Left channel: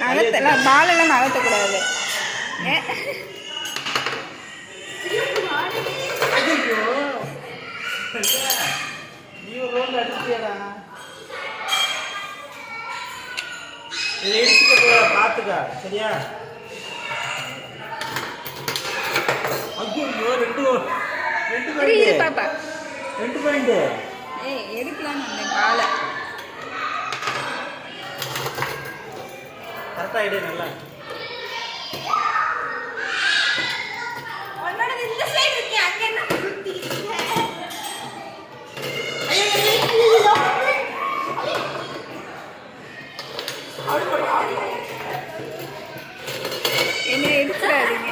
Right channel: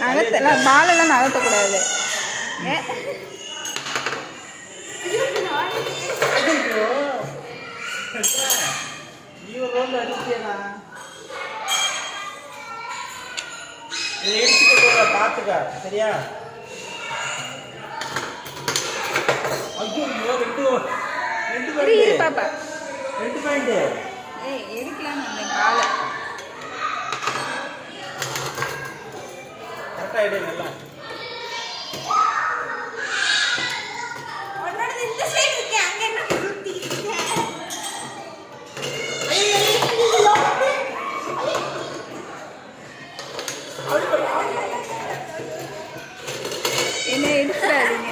நகர்த்தலாம், பாலெல்லாம் நகர்த்தக்கூடாது. பாத்துக்கா சரியா? பாப்பா எடுக்கலாம் அந்த பாலை கரெக்டா எடுங்க. என்ன எடுத்துறாதீங்க.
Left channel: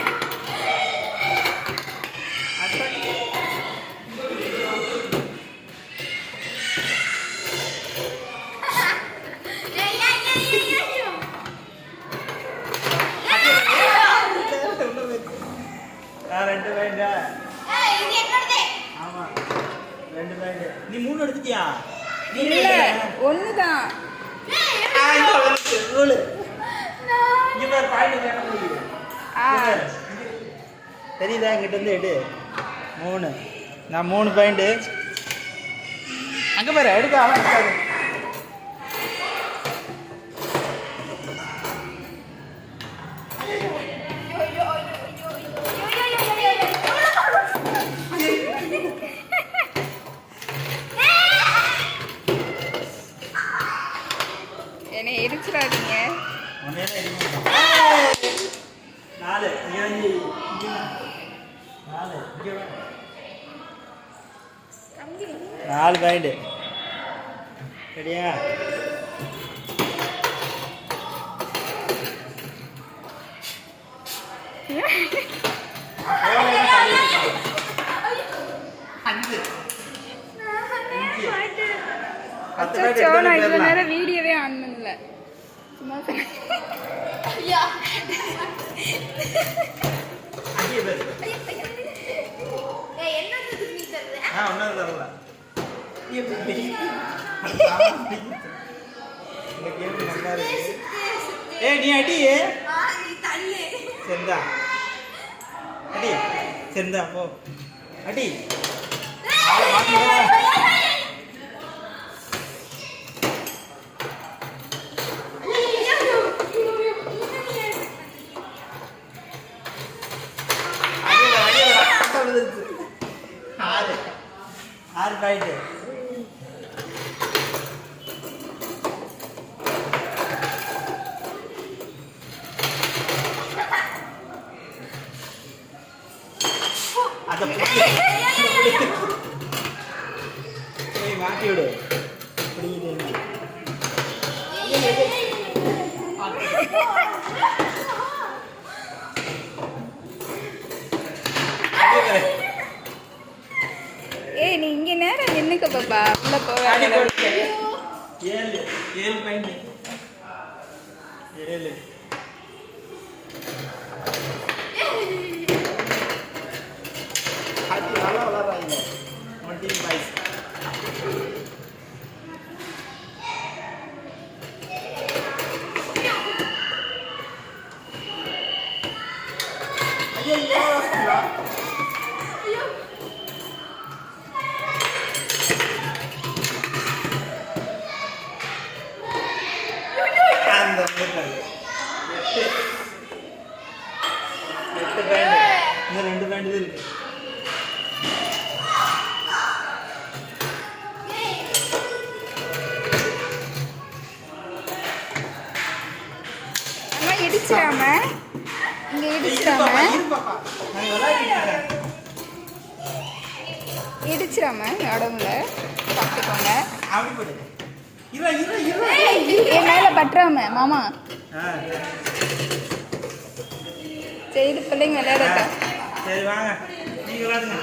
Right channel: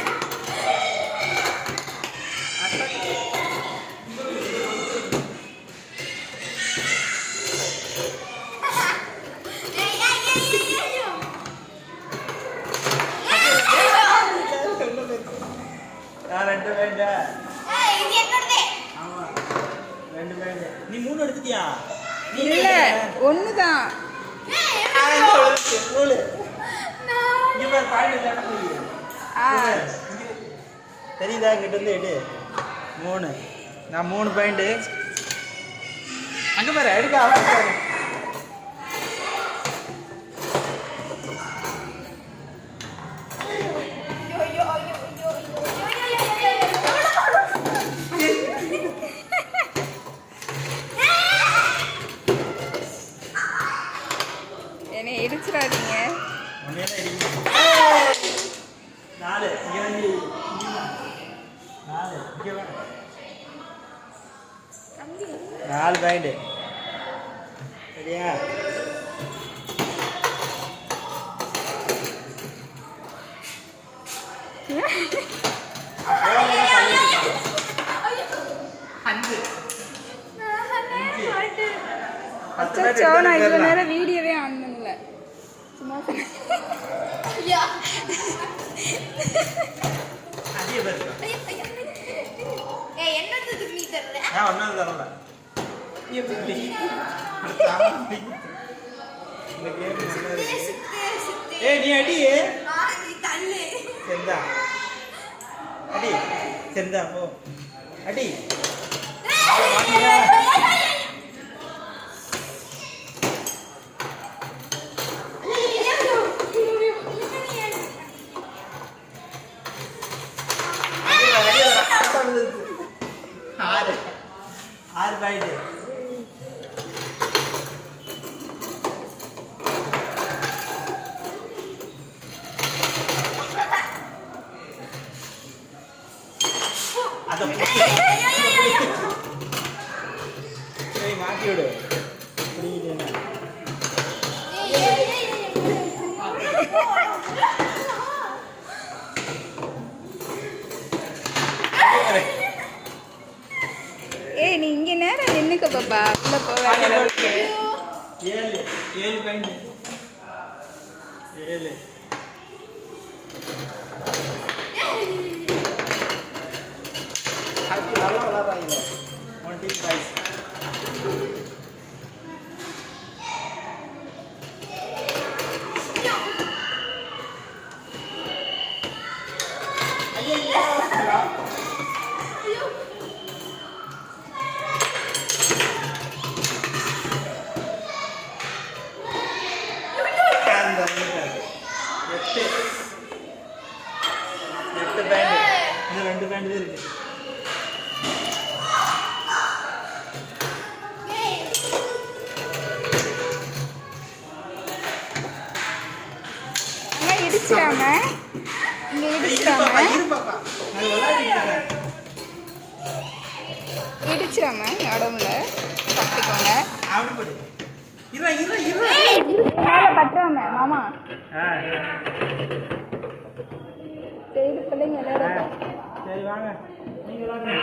நீ 3 எடுத்துட்டியா? இல்ல, ஒண்ணுதான். தெரியுதா? இங்கிட்ட இருந்து எடு. 3 நான் 3 பாயிண்ட் அங்க பாரு எடுக்கா. என்னை இடிச்சிடாதீங்க. 4 பாயிண்ட் சரியா? அச்சோ, நான் இவ்வளவு நேரம் வீடியோவே ஆன் பண்ணல. சும்மா ஒன்னும் தரல. நீ அடி செந்தா அடி செந்தா போ அடி. ஆறு பாயிண்ட் அதை மாட்டி விடு. ஏய், நீ இங்க நேரம் நின்னுக்க பாப்பா. உள்ள போக 7 பாயிண்ட் 7 2 பேண்ட் இருக்கு. அங்க இடிச்சிராம, இங்க இடிச்சிராம, இடிச்சிராம உடம்புல பார்த்துக்கோங்க. மேல பற்றாம மாமா. சரி, பிள்ளைங்க விளையாடுறேன். சரி வாங்க, நீங்க விளையாடுங்க.